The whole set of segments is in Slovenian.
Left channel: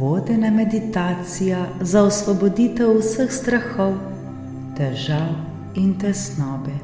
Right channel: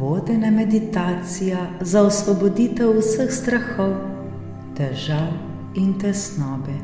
Vodena meditacija za osvoboditev vseh strahov, težav in tesnobe.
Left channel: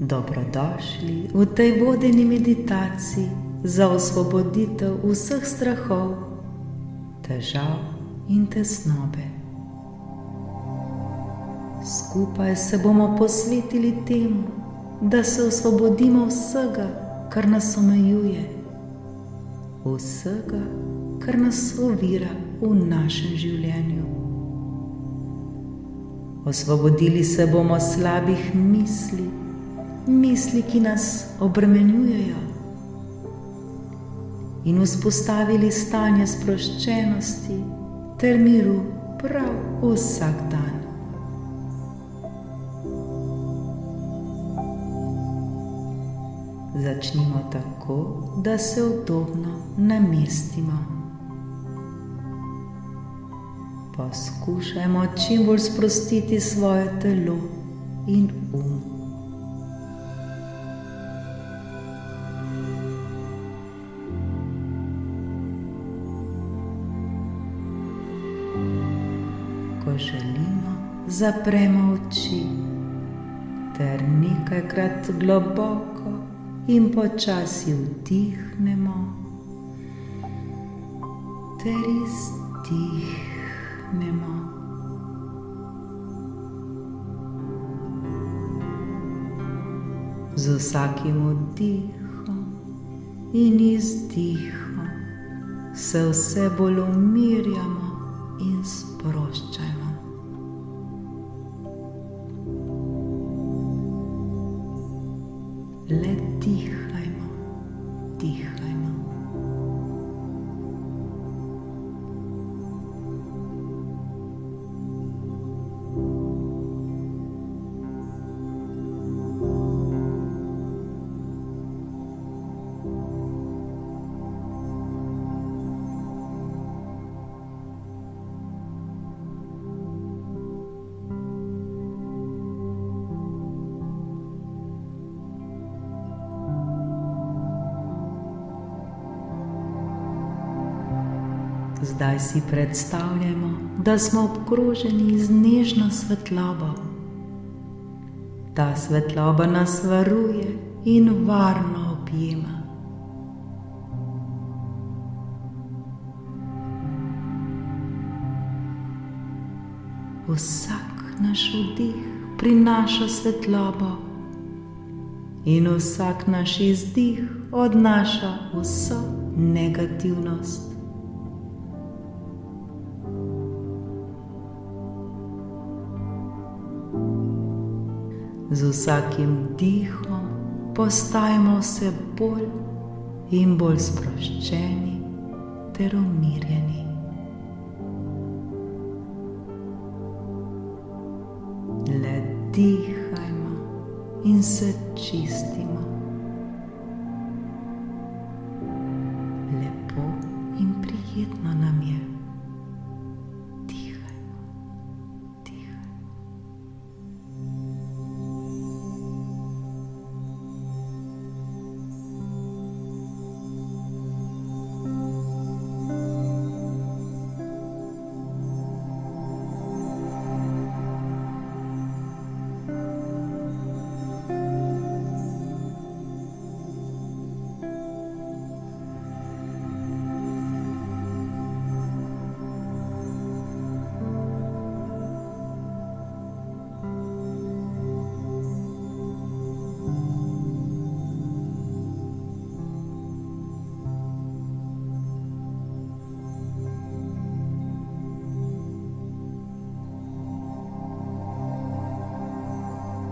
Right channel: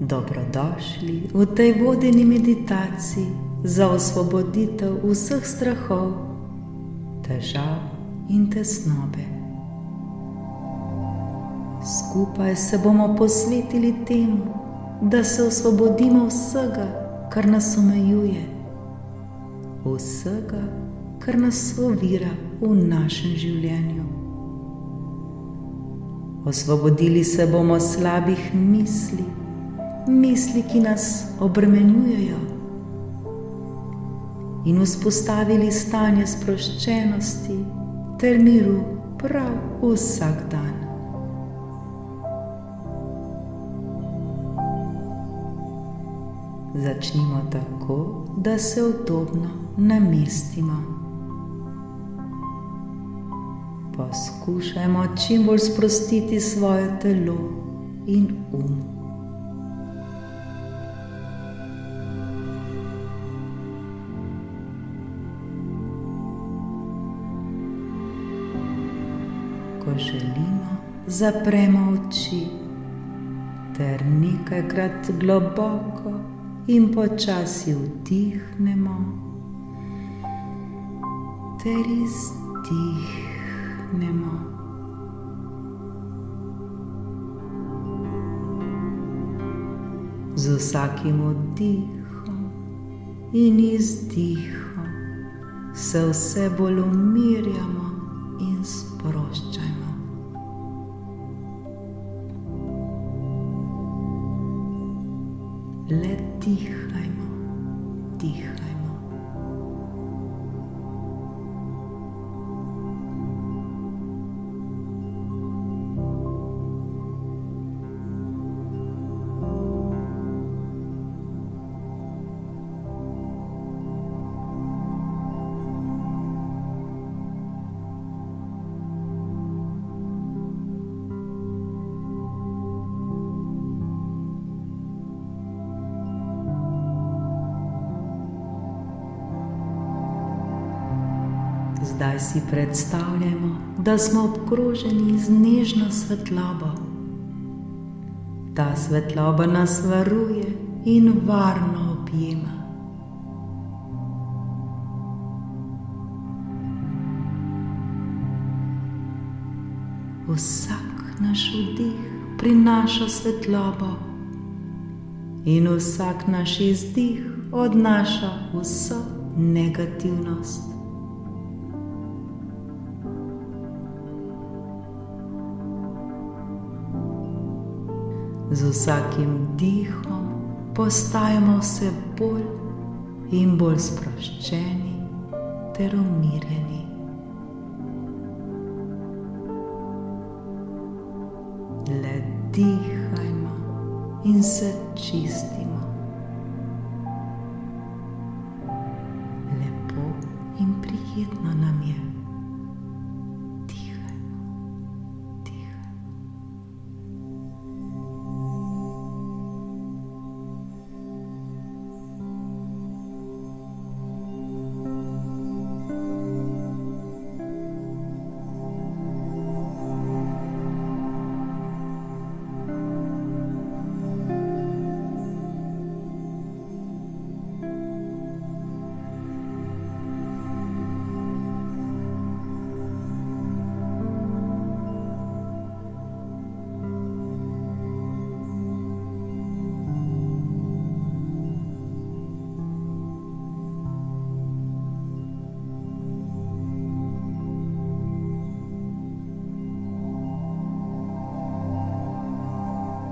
Dobrodošli v tej vodeni meditaciji za osvoboditev vseh strahov, težav in tesnobe. Skupaj se bomo posvetili temu, da se osvobodimo vsega, kar nas omejuje, vsega, kar nas ovira v našem življenju. Osvobodili se bomo slabih misli, ki nas obremenjujejo, in vzpostavili stanje sproščenosti ter miru prav vsak dan. Začnimo tako, da se udobno namestimo. Poskušajmo čim bolj sprostiti svoje telo in Ko želimo, zapremo oči ter nekajkrat globoko in počasi vdihnemo ter izdihnemo. Z vsakim vdihom in izdihom se vse bolj umirjamo in sproščajmo. Le dihajmo, dihajmo. Zdaj si predstavljajmo, da smo obkroženi z nežno svetlobo. Ta svetloba nas varuje in varno objema. Vsak naš vdih prinaša svetlobo in vsak naš izdih odnaša vso negativnost. Z vsakim dihom postajamo vse bolj in bolj sproščeni ter umirjeni. Le dihajmo in se čistimo. Lepo in prijetno nam je.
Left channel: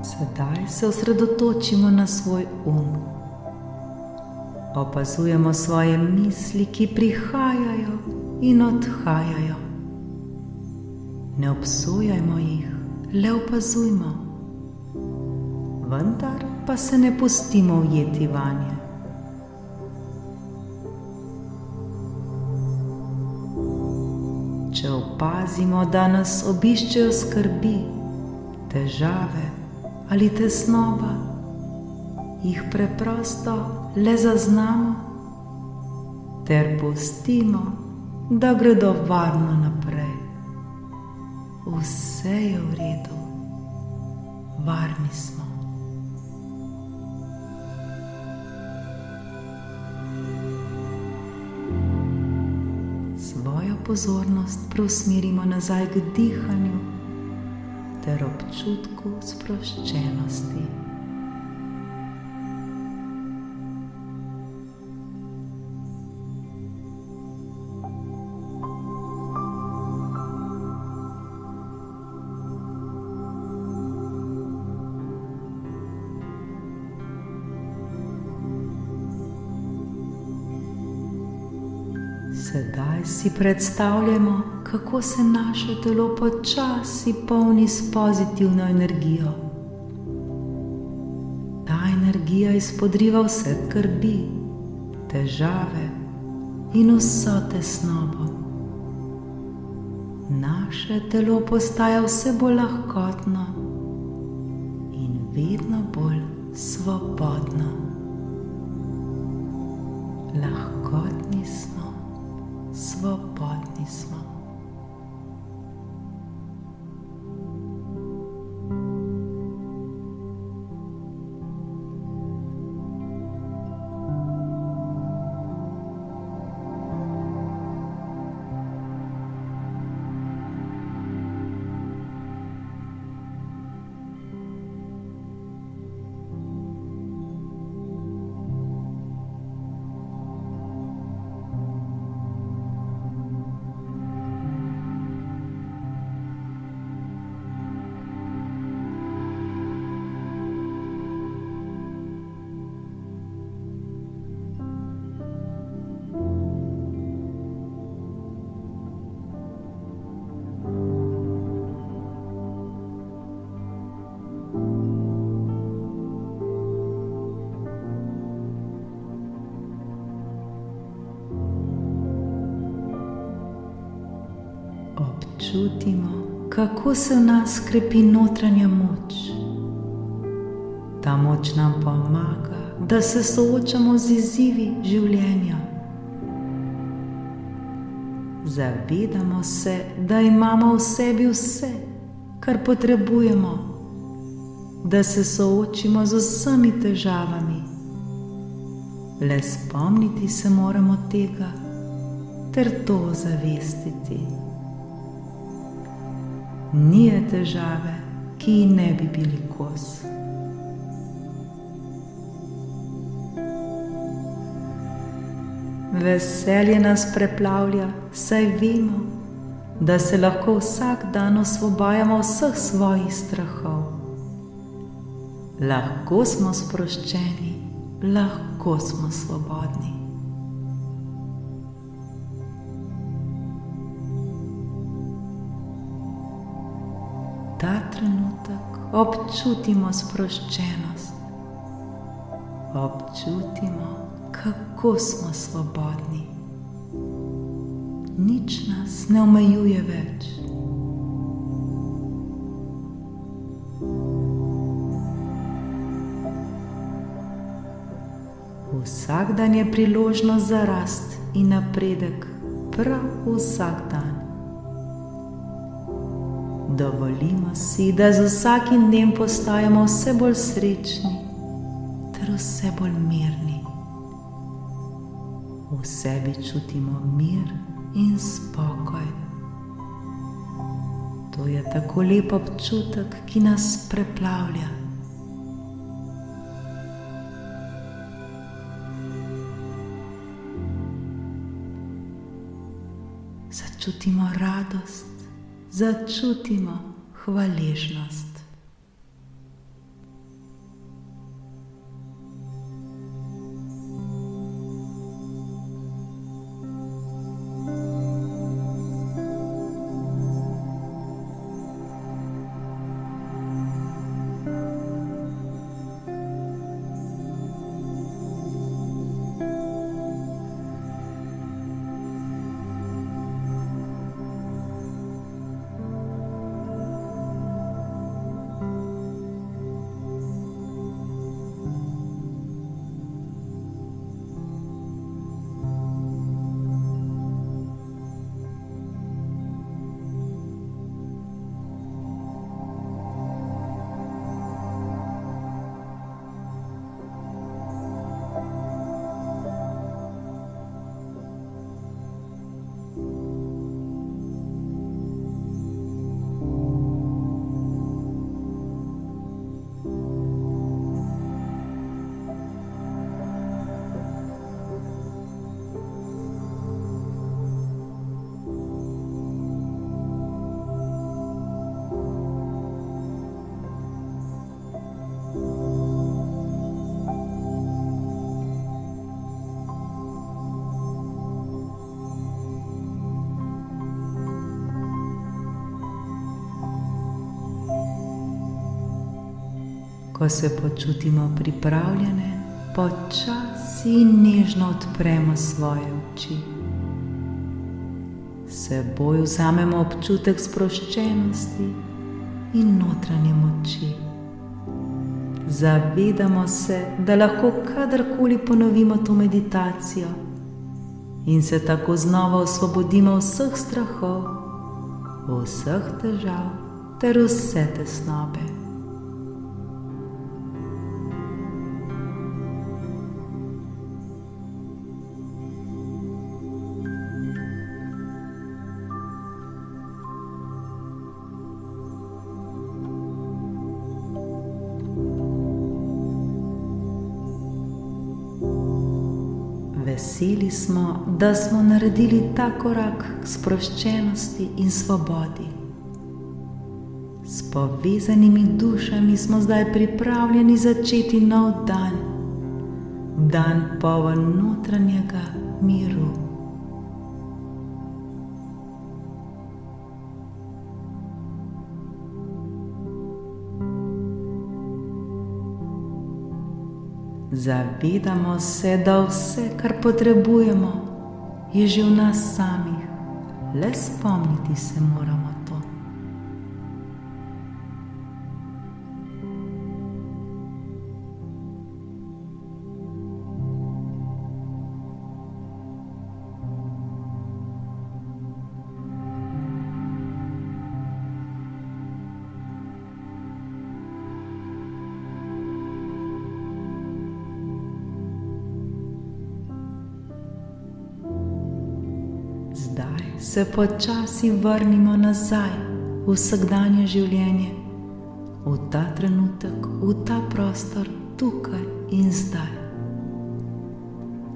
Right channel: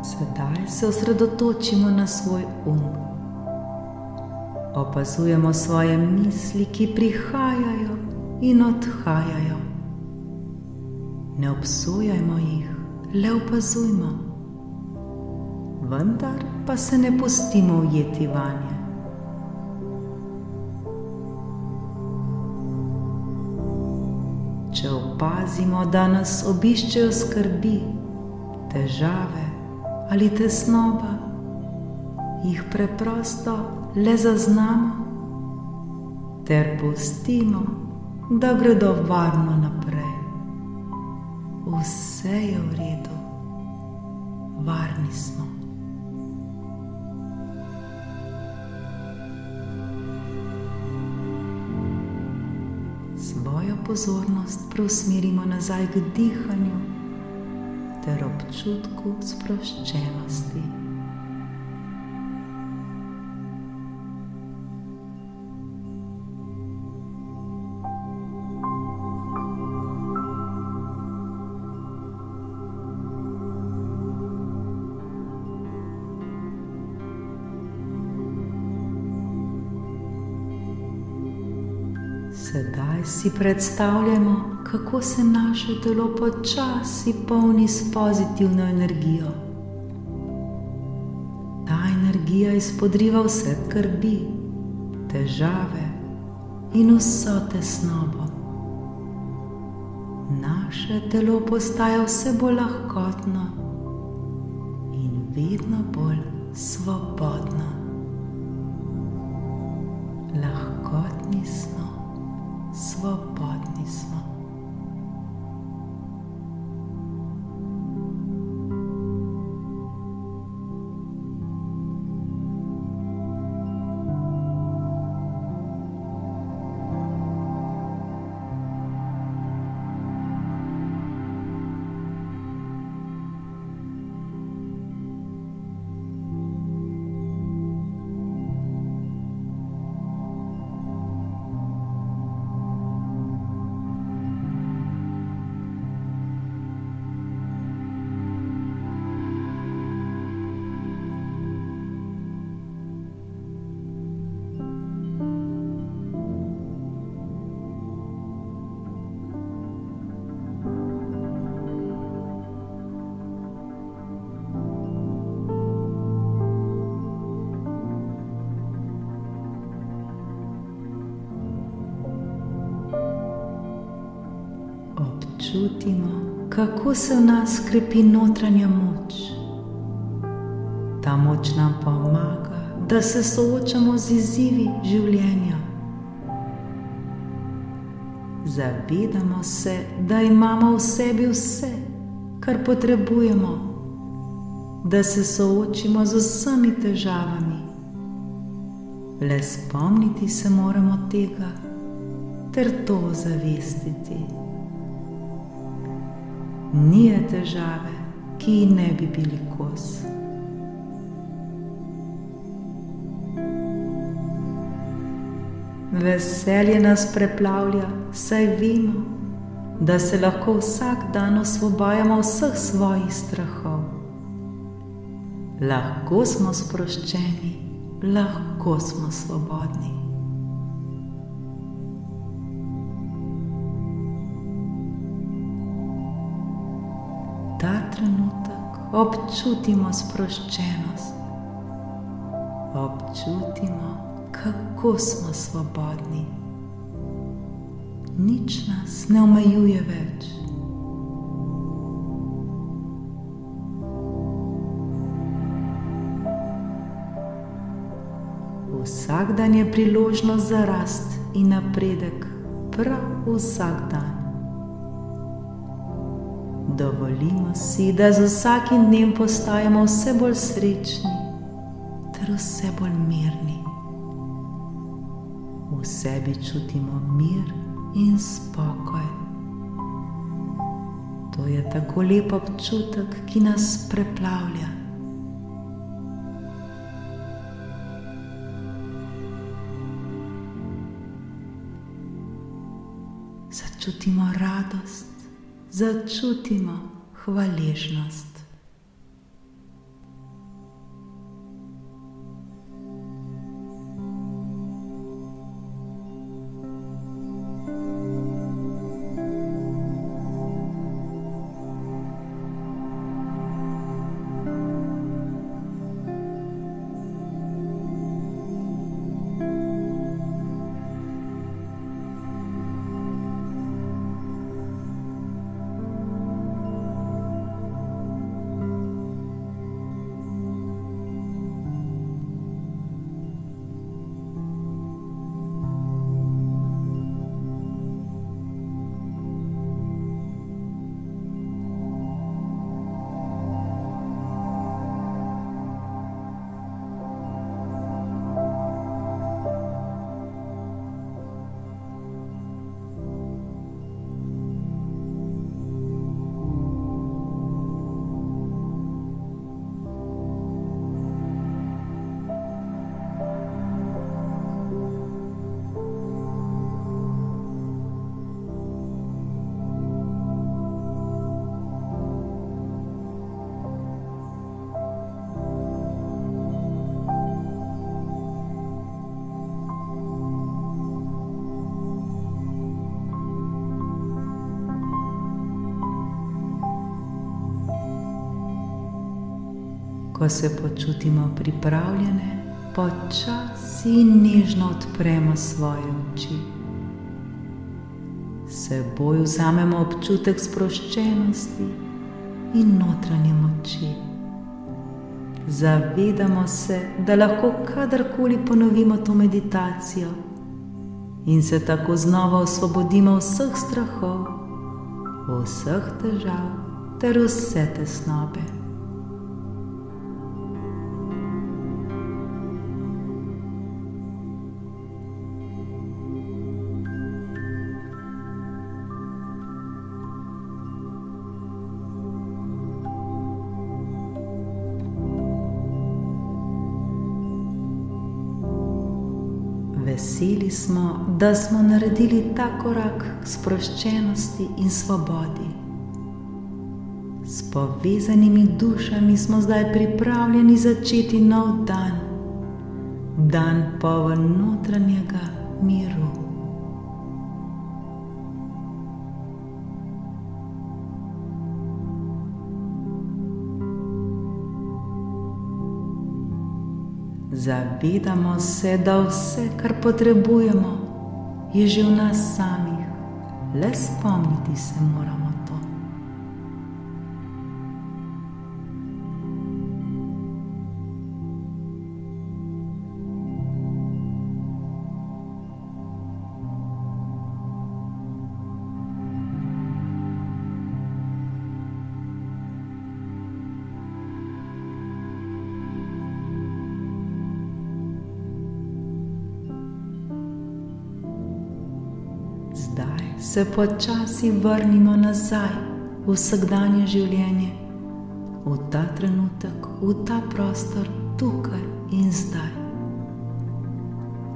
Sedaj se osredotočimo na svoj Opazujemo svoje misli, ki prihajajo in odhajajo. Ne obsojajmo jih, le opazujmo. Vendar pa se ne pustimo ujeti vanje. Če opazimo, da nas obiščejo skrbi, težave ali tesnoba, jih preprosto le zaznamo ter pustimo, da gredo varno naprej. Vse je v redu, varni smo. Svojo pozornost preusmerimo nazaj k dihanju ter občutku sproščenosti. Sedaj si predstavljamo, kako se naše telo počasi polni s pozitivno energijo. Ta energija izpodriva vse skrbi, težave in vso tesnobo. Naše telo postaja vse bolj lahkotno in vedno bolj svobodno. Lahkotni smo. Svobodni smo. Občutimo, kako se v nas krepi notranja moč. Ta moč nam pomaga, da se soočamo z izzivi življenja. Zavedamo se, da imamo v sebi vse, kar potrebujemo, da se soočimo z vsemi težavami. Le spomniti se moramo tega ter to ozavestiti. Ni je težave, ki ji ne bi bili kos. Veselje nas preplavlja, saj vemo, da se lahko vsak dan osvobajamo vseh svojih strahov. Lahko smo sproščeni, lahko smo svobodni. Ta trenutek občutimo sproščenost. Občutimo, kako smo svobodni. Nič nas ne omejuje več. Vsak dan je priložnost za rast in napredek, prav vsak dan. Dovolimo si, da z vsakim dnem postajamo vse bolj srečni ter vse bolj mirni. V sebi čutimo mir in spokoj. To je tako lep občutek, ki nas preplavlja. Začutimo radost. Začutimo hvaležnost. Ko se počutimo pripravljene, počasi in nežno odpremo svoje oči. S seboj vzamemo občutek sproščenosti in notranje moči. Zavedamo se, da lahko kadarkoli ponovimo to meditacijo in se tako znova osvobodimo vseh strahov, vseh težav ter vse tesnobe. Veseli smo, da smo naredili ta korak k sproščenosti in svobodi. S povezanimi dušami smo zdaj pripravljeni začeti nov dan, dan poln notranjega miru. Zavedamo se, da vse, kar potrebujemo, je že v nas samih, le spomniti se moramo to. Zdaj se počasi vrnimo nazaj v vsakdanje življenje, v ta trenutek, v ta prostor, tukaj in zdaj.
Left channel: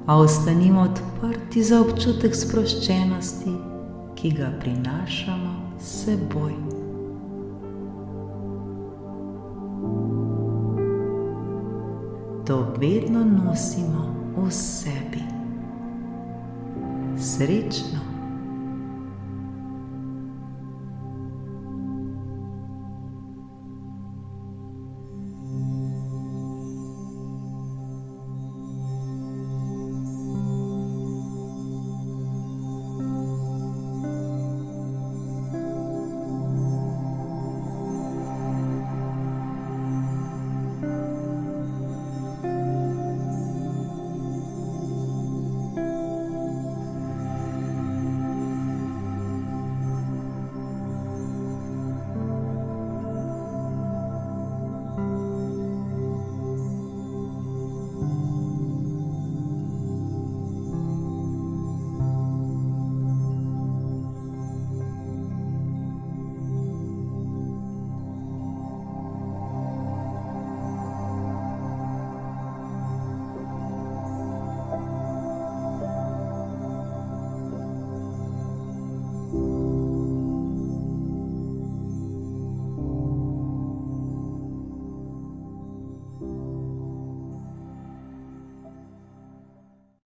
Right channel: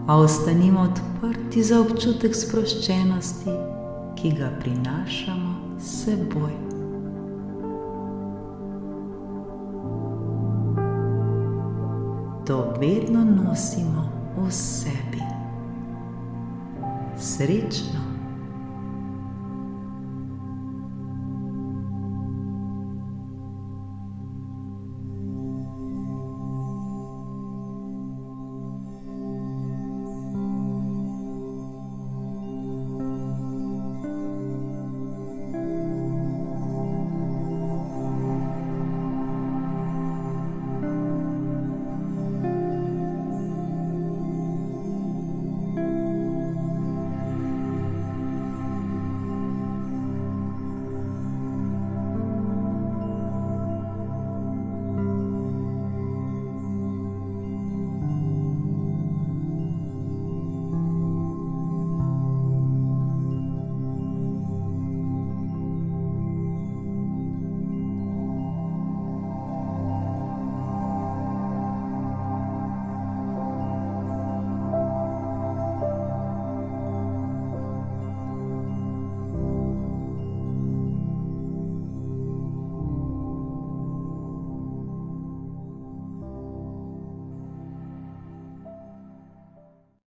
A ostanimo odprti za občutek sproščenosti, ki ga prinašamo s seboj. To vedno nosimo v sebi. Srečno!